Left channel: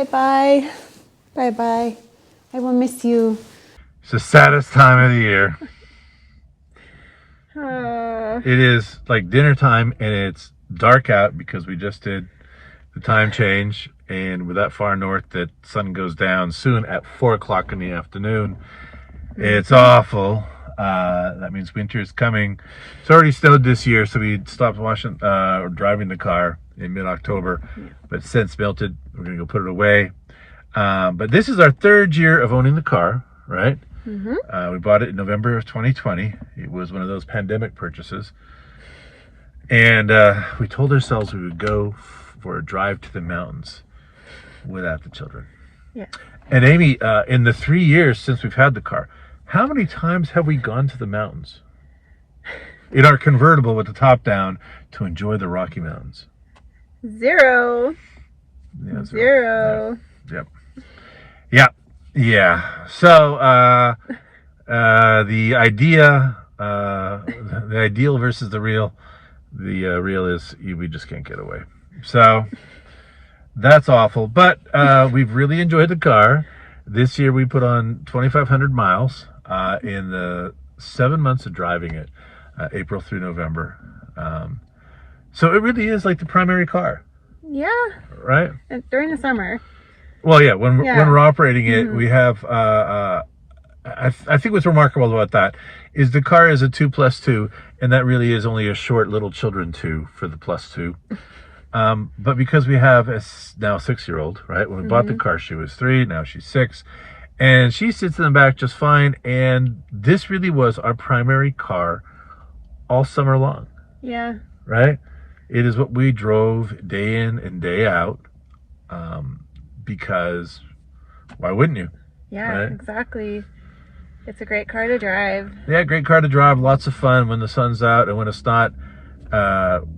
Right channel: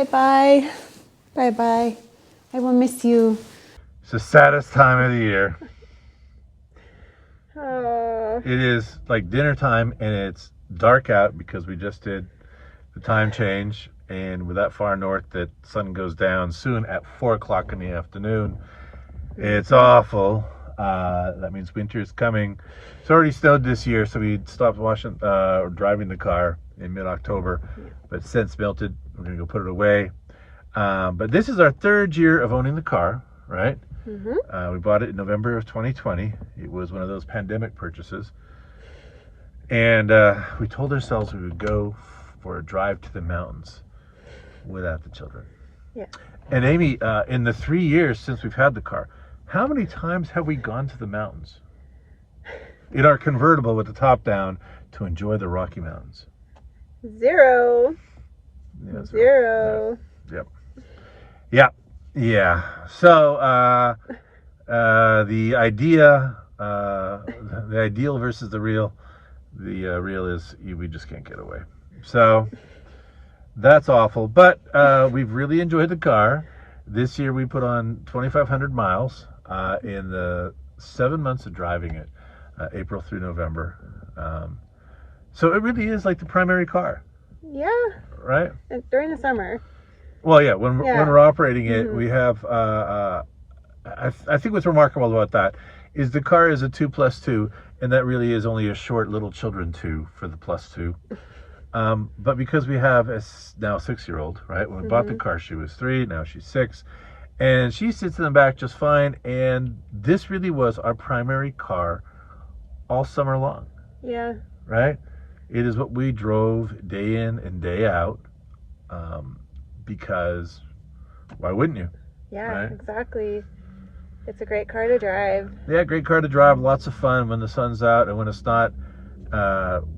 Bye-bye. Bye-bye. I will miss you. It's the saddest time of the year. It is like dinner time and it's dark out because we just did the time change, and we're that far north that sun goes down soon at 4 o'clock in the afternoon. It's awful. That means winter is coming. It's already snowed this year, so we stopped driving the car in mid-October, but since melted. We're gonna go put it away. But this is our 3rd year of owning the car, right? We bought it in November of 2020. It was one of those pandemic purchases. And we told ourselves we would go for a drive to the mountains without the children. Yeah. And Amy, in the 3 years since we've had the car, how many times have we gone to the mountains in our convertible with the top down to enjoy the Rocky Mountains? 0. Yeah, 0. Yep. Yeah. So the ideal versus the real. The real is we just can't get away. So that's awful. But we've really enjoyed the car. This year we put on 2,500 miles in the 7 months of driving it, April through November. So it really is like the primary car. Yeah. Right? During the summer. Well, yeah. When we're operating it, we have. I think what's remarkable about that is the car is a 2+2, and that really is only a short little children 2 for the +2. But because we have a now 6-year-old, right? When we bought the car, she was 3. Now she's 6, and she sits in the back just fine. And this really was our primary car all summer long. Yeah. Right? It is what we drove day in and day out. Because why wouldn't you? Yeah, right? Exactly. It's a great car to drive. Yeah, great car to drive. Lots of fun when the sun's out, and when it's not.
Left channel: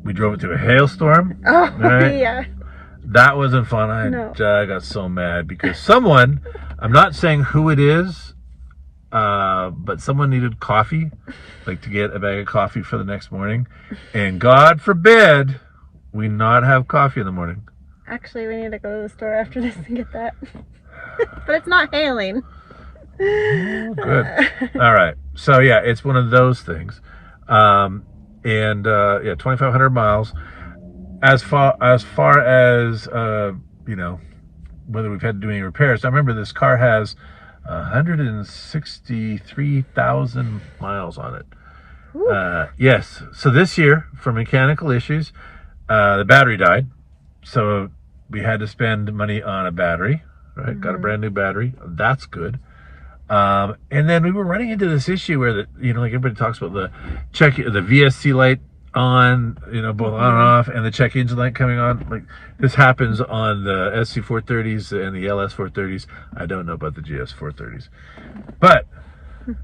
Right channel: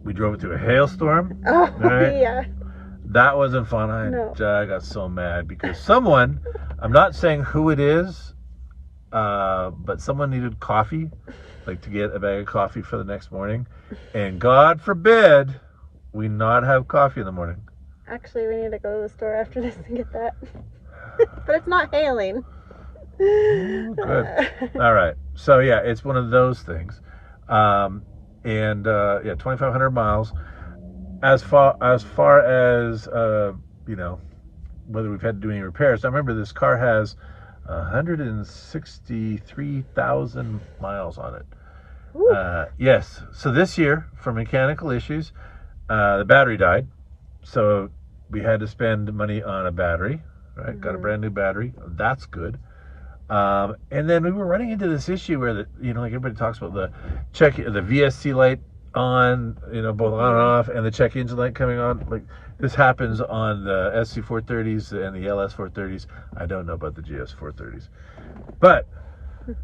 We drove it through a hailstorm. Oh, right? Yeah. That wasn't fun. I got so mad because someone, I'm not saying who it is, but someone needed coffee, like to get a bag of coffee for the next morning. And God forbid we not have coffee in the morning. Actually, we need to go to the store after this and get that. But it's not hailing. Oh, good. All right. So yeah, it's one of those things. And 2,500 miles. As far as whether we've had to do any repairs. I remember this car has 163,000 miles on it. Yes. So this year, for mechanical issues, the battery died. So we had to spend money on a battery, right? Got a brand new battery. That's good. And then we were running into this issue where like everybody talks about the VSC light on, both on and off, and the check engine light coming on. Like this happens on the SC430s and the LS430s. I don't know about the GS430s, but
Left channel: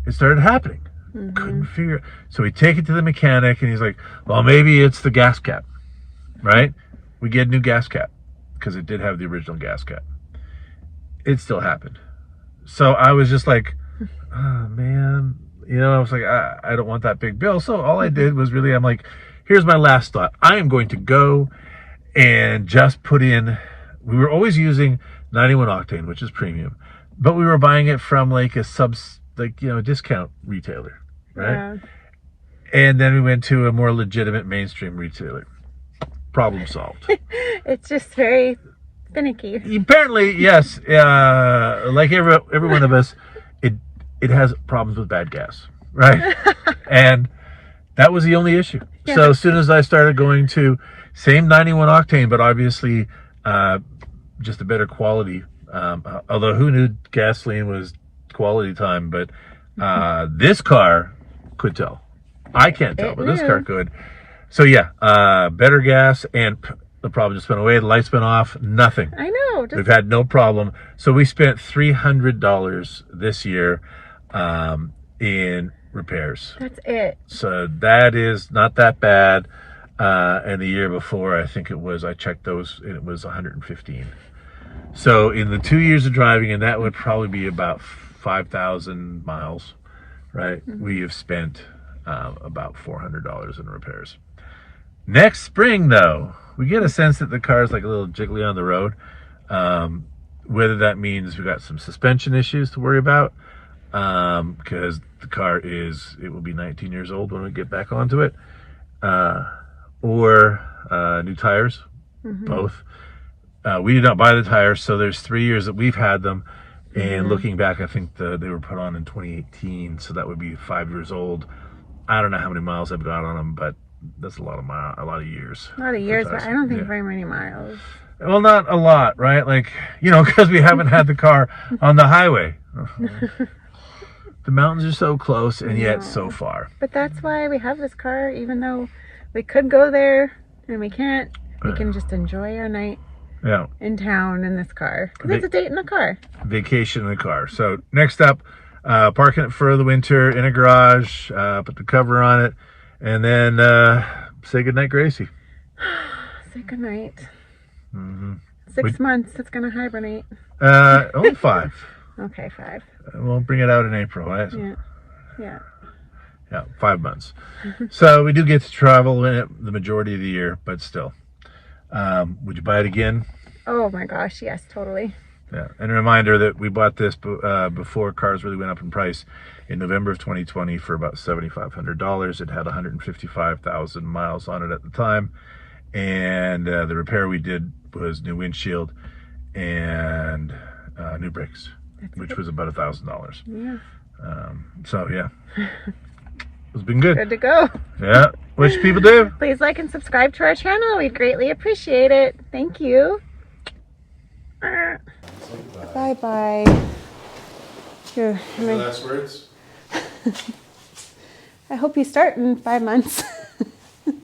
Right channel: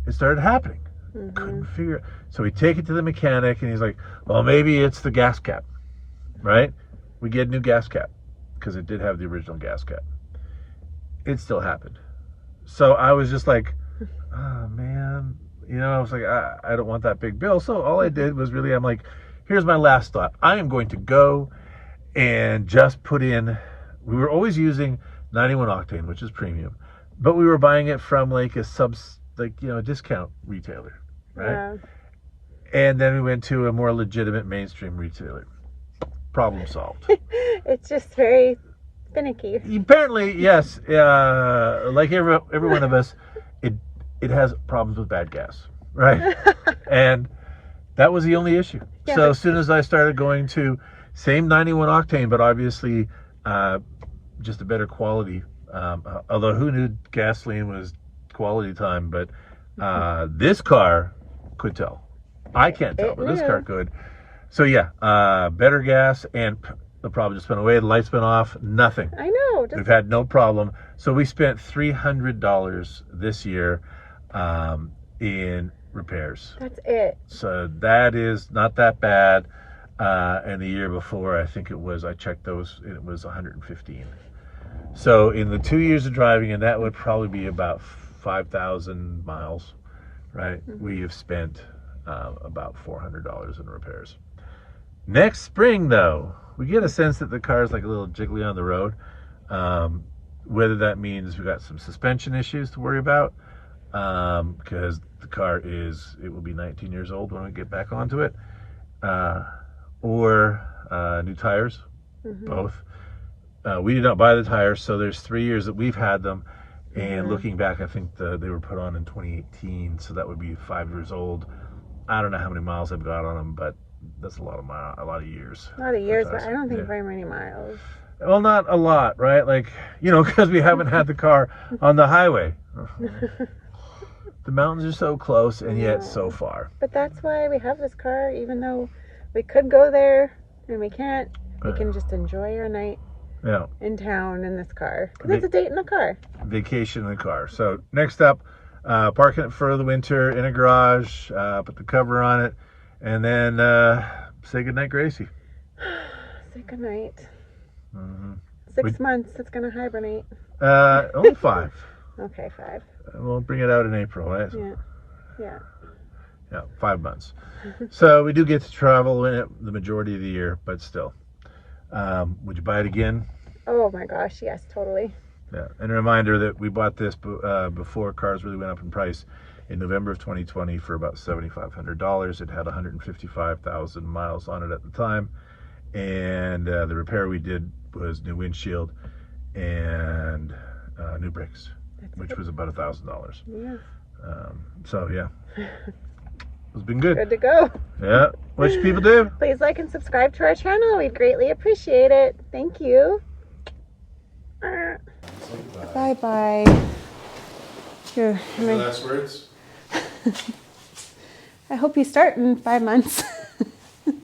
it started happening. Couldn't figure it. So we take it to the mechanic, and he's like, well, maybe it's the gas cap, right? We get a new gas cap because it did have the original gas cap. It still happened. So I was just like, oh, man, I was like, I don't want that big bill. So all I did was I'm like, here's my last thought. I am going to go and just put in, we were always using 91 octane, which is premium, but we were buying it from like a discount retailer, right? Yeah. And then we went to a more legitimate mainstream retailer. Problem solved. It's just very finicky. Apparently, yes. Like every one of us, it has problems with bad gas, right? And that was the only issue. Yeah. So as soon as I started going to same 91 octane, but obviously just a better quality. Although who knew gasoline was quality time? But this car could tell. I can't tell, but this car could. So yeah, better gas, and the problem just went away. The lights went off. Nothing. I know. We've had no problem. So we spent $300 this year in repairs. That's it. So that is not that bad. And the year before, I think I checked those, and it was 115. So in the 2 years of driving, and that would probably be about 5,000 miles, right? We have spent about $400 in repairs. Next spring, though, we get a sense that the car is like a little jiggly on the road. whether that means we got some suspension issues to worry about, because the car it will be 19 years old when we get back onto it, or new tires, both. We did not buy the tires, so there's 3 years that we've had them. And looking back, I think they were put on in 2018, so that would be 5 years old. I don't know how many miles I've got on them, but that's a lot of years. A lot of years, but I don't think very many miles. Well, not a lot, right? Like, because we haven't had the car on the highway. The mountains are so close and yet so far. But that's why we have this car, even though we could go there and we can't. We can just enjoy our night. Yeah. In town in this car. Because it's a date in the car. Vacation in the car. So next up, parking it for the winter in a garage, put the cover on it, and then say goodnight, Gracie. Say goodnight. 6 months, it's going to hibernate. Only 5. Okay, 5. We'll bring it out in April, right? Yeah. 5 months. So we do get to travel in it the majority of the year, but still. Would you buy it again? Oh my gosh, yes, totally. Yeah, and a reminder that we bought this before cars really went up in price in November of 2020 for about $7,500. It had 155,000 miles on it at the time, and the repair we did was new windshield and new brakes, which was about $1,000. Yeah. So yeah. It's been good. Good to go. Yeah. What should people do? Please like and subscribe to our channel. We'd greatly appreciate it. Thank you. Bye-bye. Here. Any last words? I hope you start in 5 months.